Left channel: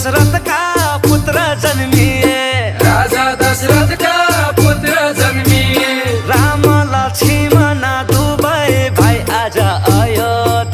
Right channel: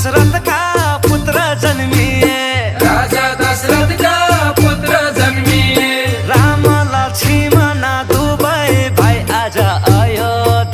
दशरथका पुत्र जन्मिए, राजा दशरथका पुत्र जन्मिए। राम लक्ष्मण दुवै भाइ आज अयोध्या